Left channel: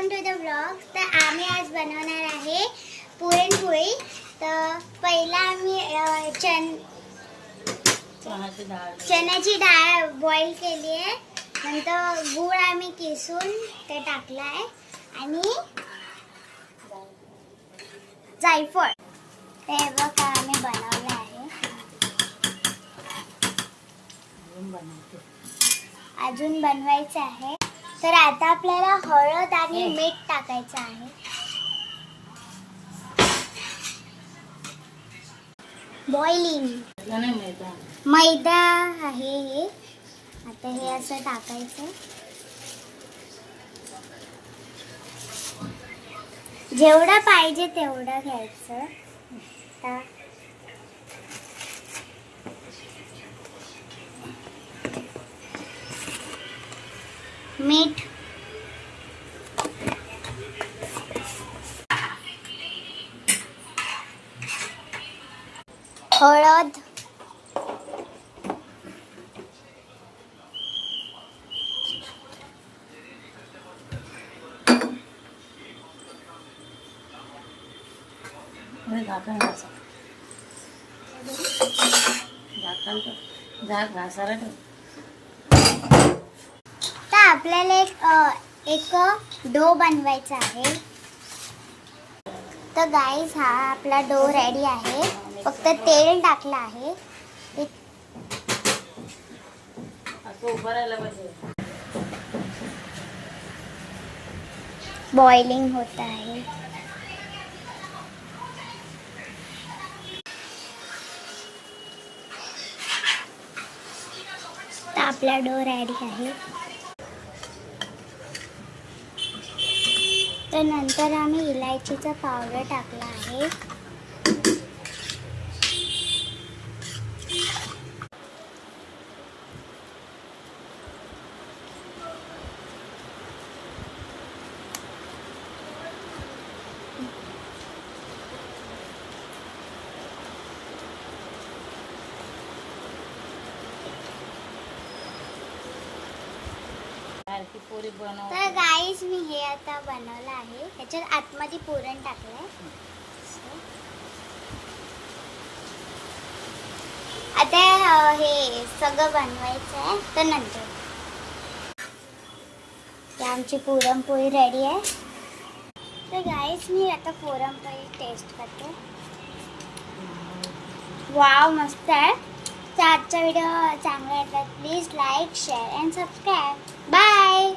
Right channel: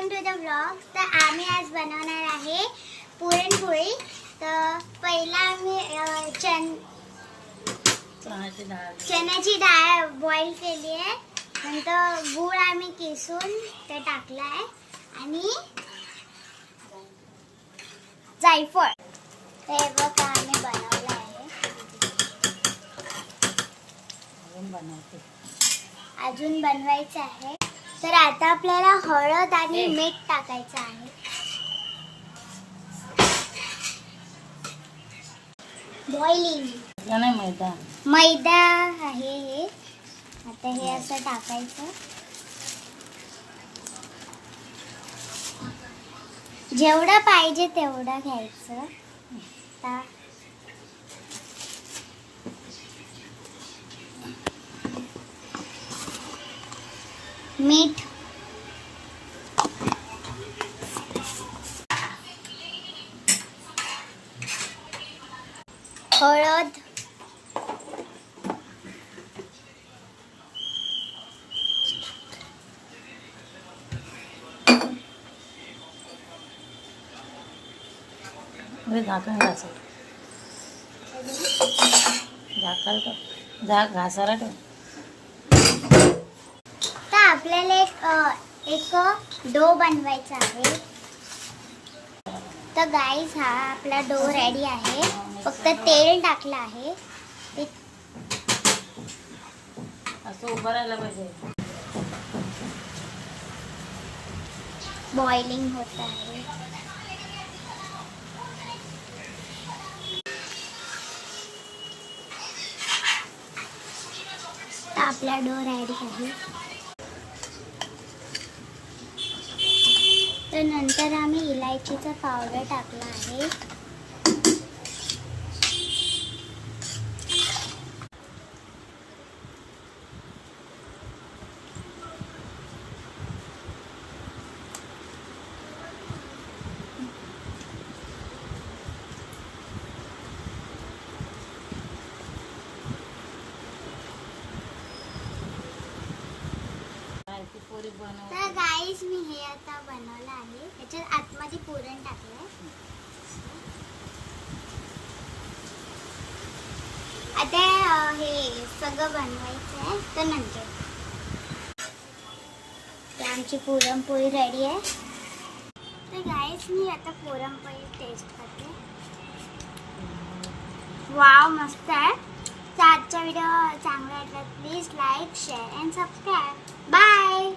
Welcome to the blog. तर आम्ही आज बनवणार आहे पुरणपोळी। तर पहिला आम्ही चण्याची डाळ बॉईल केली आहे, नंतर गूळ आम्ही किसून ते टाकला आहे आणि जायफळ ते बघा आम्ही बनवलं आहे। अजून बनवायचं आहे। तर आता आपल्याला हळद आणि मीठ टाकायचं आहे। बॉइलिंग मैदा आहे हे। आता हे असं टाकायचं, जेवढं पाहिजे तेवढं घ्यायचं। आता मीठ, हळद, तर आपल्याला एक डो बनवायचा आहे। तर गाईज हा आपला डो रेडी आहे, फक्त तेल टाकलं आहे। ते बॉइलिंग होत आहे। तर आपला डो रेडी आहे। तर नंतर आम्ही इलायचीचा पावडर टाकला आहे। तर गाईज मी हे आता बनवलं आहे, त्याच्यात आतमध्ये पुरण टाकलंय। आता हे सगळं बनवायचं आहे। तर नंतर आमची पुरणपोळी रेडी आहे। तर गाईज मी आता पुरणपोळी टेस्ट करते। वाव, मस्त आहे। तर आजचा व्हिडिओ चांगला वाटला please like, share and subscribe. Bye.